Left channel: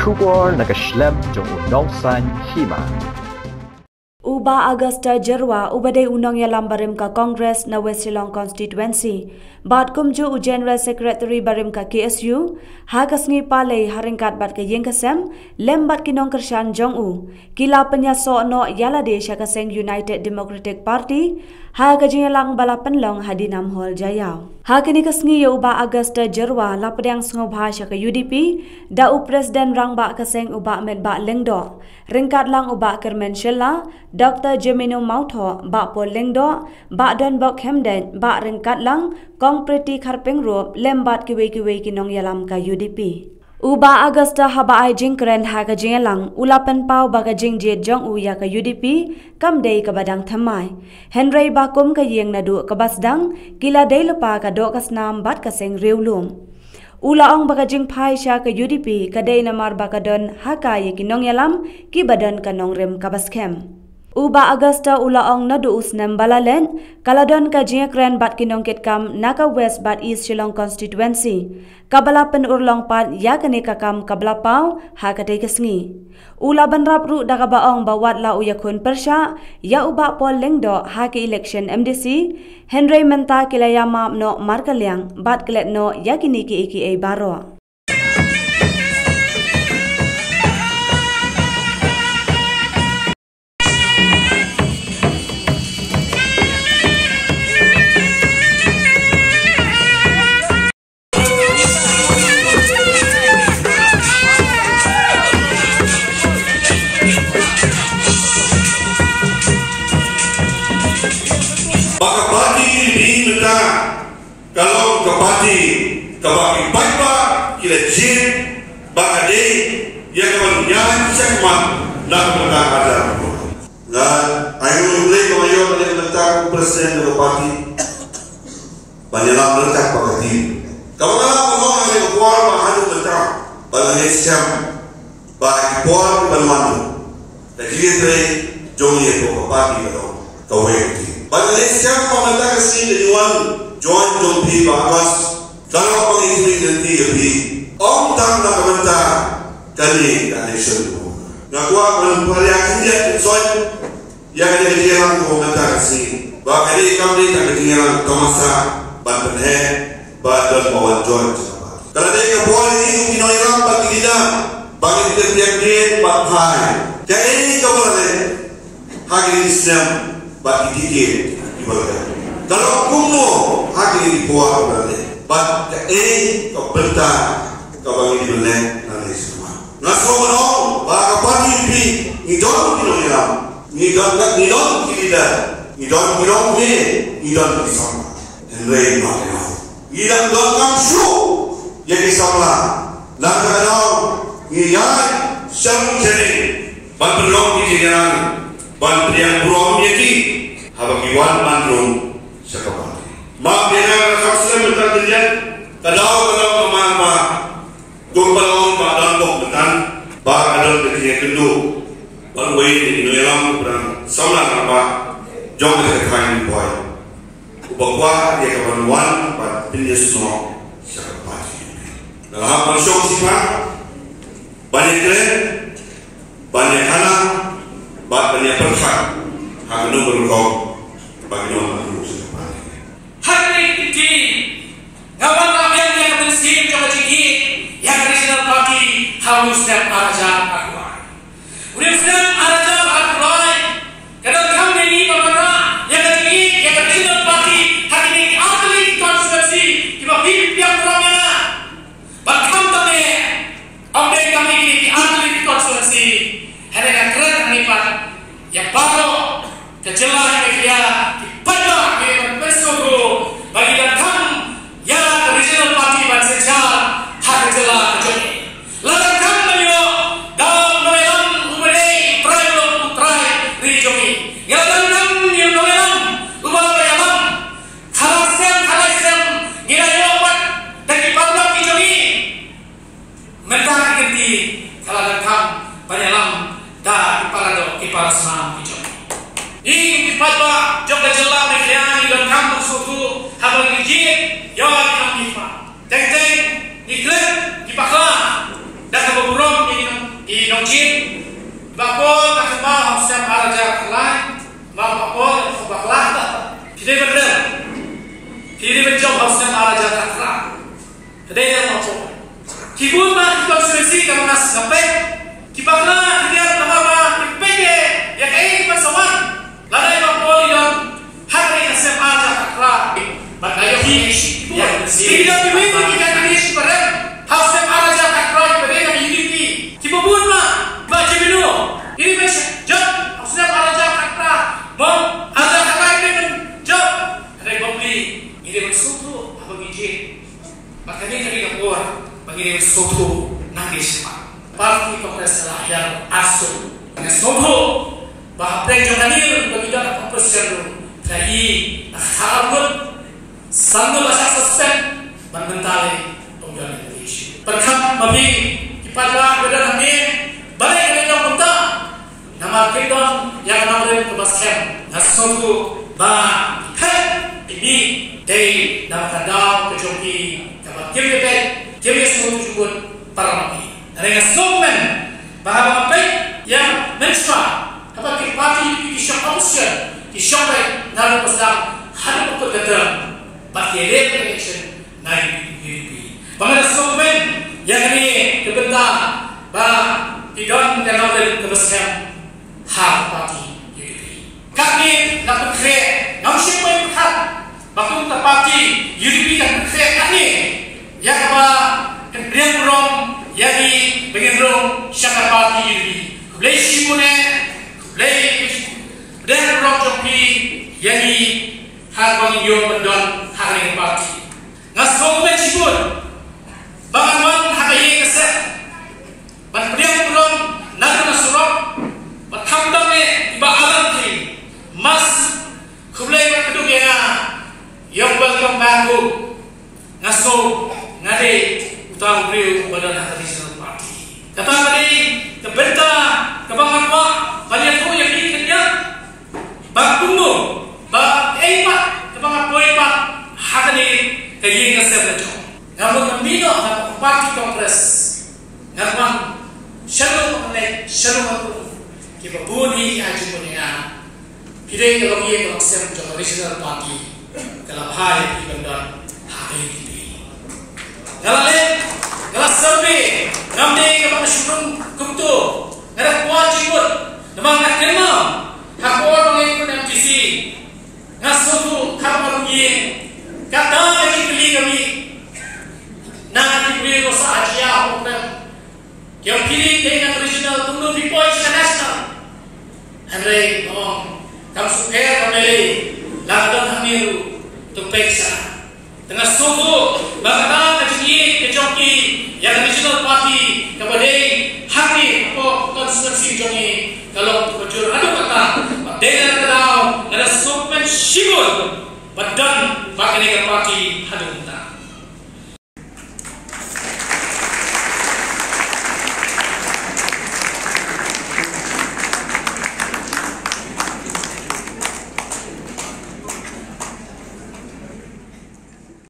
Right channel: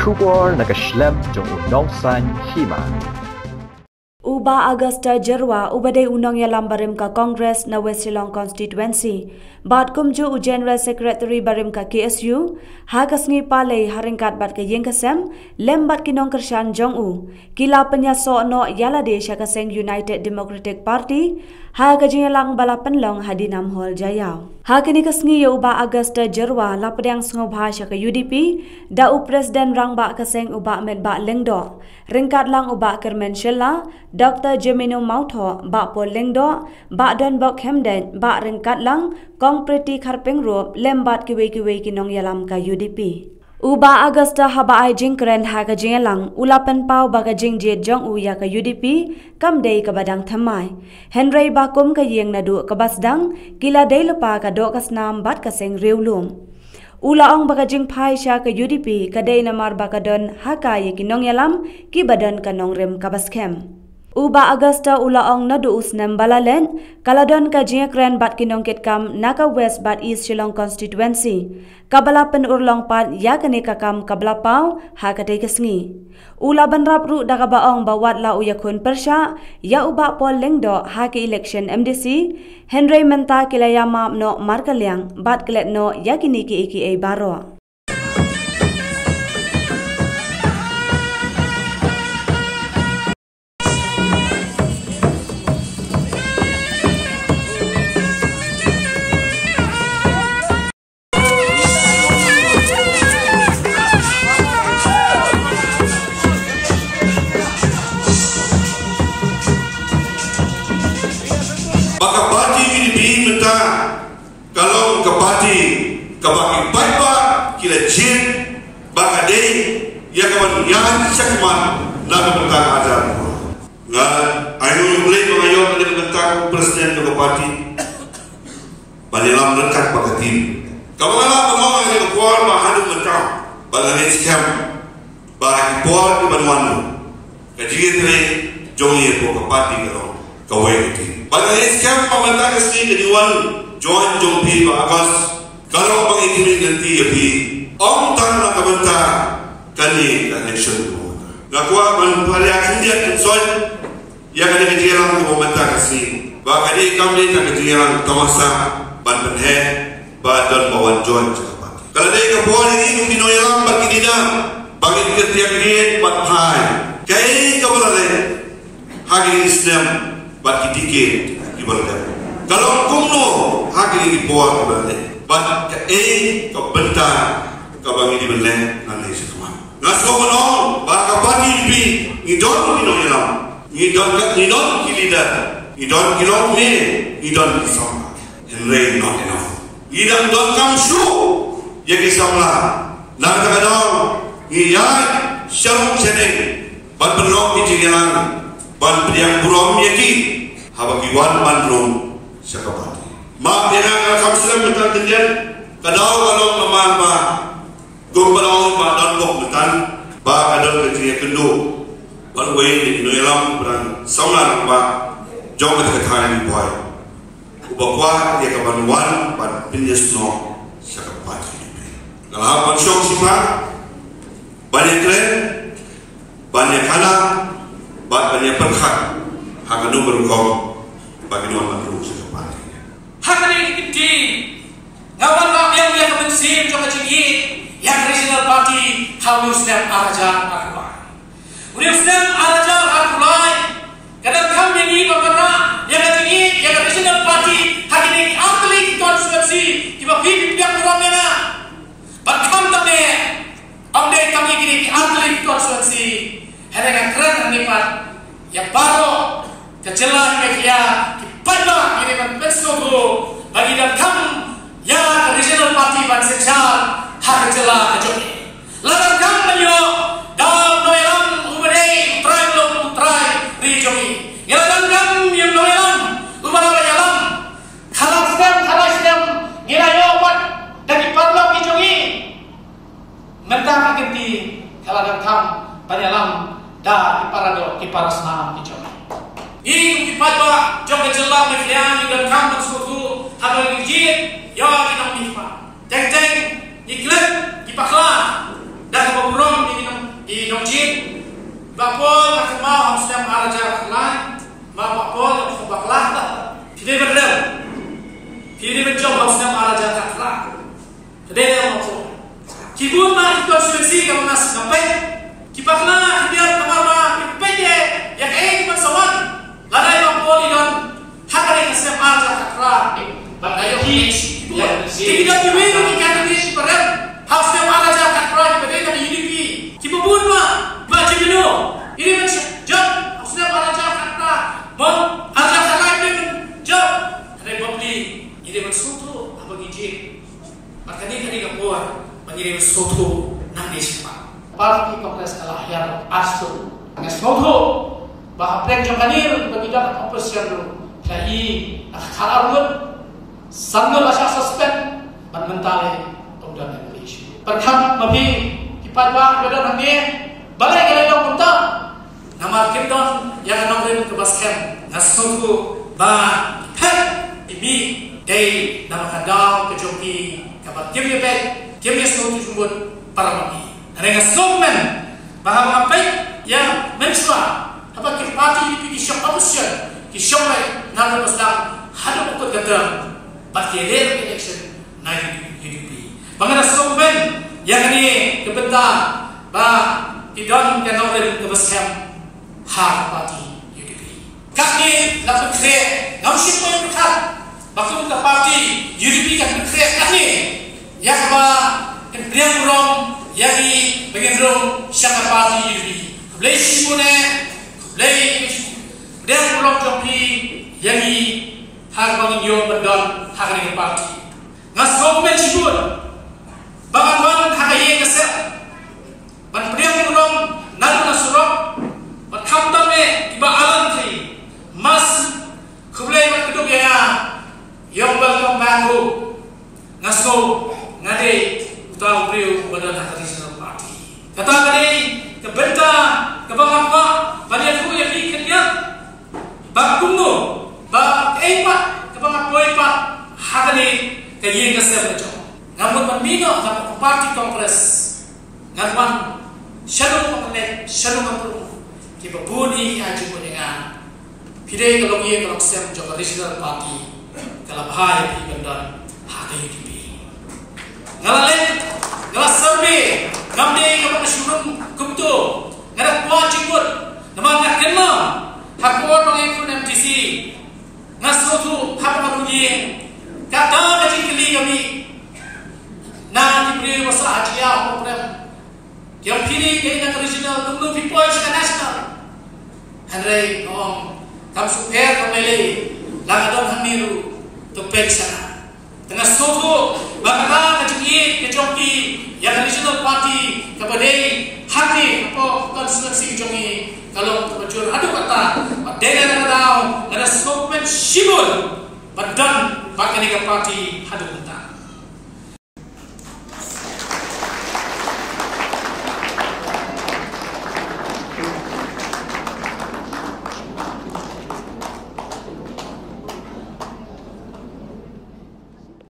Kubor nakaslem jong unongsan hima. Uba Augusta Jerwa ubadai unang yalam barim ka Congress na West Shillong constituency. Bat kumju u General Secretary barim ka KSU, hagas ngi palay haringkat bat ka yengkasem, lembat kinong kersyan jong u. Kila penyaso no yalade syakaseng United Democratic Party, haga jingalang balapan long hadinam hol jayau. Hakini kasngi uba Augusta Jerwa lapadang sngobha syaka UDP, da u Presiden rangba kaseng uba medba lengdo. Ringkat lang uba Kermen Shella, Dr. Jemino Mautho, Bak Pol Lengdo, Bak Don Bok Hemden, Bak Ringkat Lang, Kong Preti Karpeng Rup, Lembat Kiwe Kinong Yalam ka UDP. Uba Augusta haba ai jingkren ha ka jingelang, ulapan pau baga jingjet jong uya ka UDP, kam day ka badang thamai. Henry Bakum ka yeng nadu ka basdang, kila day lupa ka do kasnam bat kaseng riulum. Ula ong baka jing pai sya ka UDP kadai namar baka don haka ye kinong yalam ki badan kanong rem kabaskem. Uba Augusta ula ong nadu usnem balalen kaladon ka jingkren bat kinong ketkam naka West bat East Shillong constituency. Kabalapan urlong pat ya kane kakam kablapau haka tay kasngi. Ula banrap ru daga baong bawat la uyakun persya ya uba Pol Lengdo haki election MDC Henry Menta kilayama no markaliang bat kelet no yakini ki iki baro. Baka parti di menta kalau ke parti kabaki baik kira jin baka de ya kawan nyan sekman na kemudian ada nggak ayo mulai mengayo dari tentang presiden ke parti banilam berkat baka di kalau ngomong dari kuar mahadu menta bala siam baki kuar banmanu kajian tre jongi ke parti kalau kawai pada siapa pemerintah kesini jadi wan join jompi bagas kalau pengintip nanti lebih om tang nak pemerintah kali nation tu. Nakwa menpariakin dia soal ya kali kejiran pemerintah kesini. Bahkan ini kami tak kejiran tamasa banten head badan bawan join. Kalau dia kebuat ini minoyeram bagi kita bagi kita tiang dia batai. Kayak ini kau boleh hari Islam bagi dikit diberkat. Kalau kuno hagi dibuat berarti, bat ke kebentar bagi dibeli nanti semua. Nasi kono bagi bagi lebih idon kinong ilam, idon kilida, idon kinong ni, idon kisam, enrei not enough. Idon don kamsu, ya kisamlah. Nak kadang iya syam seding, bat berok dijiran. Ban yang buram yaki habagi wan bandung sekapati mak dina kapsel mutan tinjan kadau kemama gombalong badan bok mutan ba kadal ketinya kendu ban wei di noyalam berang saulan apa jong ke kain boy ubakwa dia kapan wan ban pinjes no sekapati dalam ban syok sima banyak keren banyak anak banyak perkhak hak nomor kau bagi nomor terus hari ini kawan kami yang bersin coba tinggi yang national party harus dan arja akuai udah sedang arja akuai kadang kami ini berkata yang tinggi yang national party hari ini atlet konstitusi tiba pilih yang kurangnya bahkan kami update kami ini atlet konstitusi hari yang keren nipat yang baru kejelah media pada ini bersuku bagi yang kamu ya regional party bansejar hak kejelah kejoni lalu kamu melio dalam noelam umrei prime regioni yang kamu yang noelam umar yalam khalasem ngilayopat dari pablo kijoni mentang ganti kalau kamu banyalam da iparado iparasma ijo ni ipatba jog jella mekriani dan kam suku habal gigit ya kinong ipa teng ni klen ipakla dan kaburong ni di Nongjin, bakpol makama hamsam araja kalai, bakpol baklah tak, tidak benar, tidak bencong hamsam araja kalai, tidak yang macam, kibun mah konstitusi kamu nas sampai, kibaklah dia kamar kipeke, ya kain bersawan, ladai bakpol yon, hari hamsam araja kalai, batayo hish, ya, tidak diwujud jika hish berat, hamsam araja kalai berat kami UDP. Kibun mah baca dulu. Ini macam job. Maksudnya para job kata, mau ada kalai dengan job. Ada beli. Ini bersuatu apa gigi? Makanya kali kapur. Bagi dia bersuatu nangis pak. Parti Kongres telah yang asuh. Nangis suatu. Bahwa penjong kanil bagi dah Kongres yang jadi akharun. Sambil bahasa susah mentali tunggal Indonesia. Pertama memilih pada badan ini balik ke dalam unta nama kidon yang namanya kebaskan nasuku ba hei ini dari nama kadal kejoki kabar kiri kiri sesuatu jumut parmani ada nasumen bahwa apa yang mencoba apa parti di shop option di shop nama besar ada untuk datang parti election naik di bagaimana nasumen yang ini kebentar bah tidak yang oleh kebesar hak parti UDP. Kami nak berkait, nak siapa berkat, bakal kita parti UDP kan berkait kami yang bah yang belum yang di bagian belum siapa parti UDP. Boleh simune, boleh dan belum joki yang di hak bagi yang berdon hak yang parti. Ngasih menjibun. Bagaimana hakaye kesep, berperiang belum nak nasurok, bertambahnya tiba alam ti, mas kubelai berkeduk ya, yang welcome back ngaso ngade utang beliau badan tradisional parti. Kata tadi kebenta kebangan wa banyak tu yang dikenal, bak tunggu, bak empat kebangan poipat hakani kaye kesep lejo. Namun kambino na parti Kongres ngaman shalom mengenai shalom menurut kita budi aja punya pidai kalau dia kalau siap mencoba tradisional parti kalau bahaya di bandar hari ini ngalah sampai ngamde kalau syurung kumtu ngalah wajibut nama nak kena hakor mengikut MTC ngasutu hak marugi kata lagi kali kami na diberi masa ajiah program yang pilih dengan original tunggu di poin nasional Henry ngomong kamu suka kembali langgang hamiru tumpeksa tengah suku bangsa kejoki yang original party kepada hati apa konstitusi jongi kalau berjur ada kata dengan kata ada sopan shibul badan pakai parti ada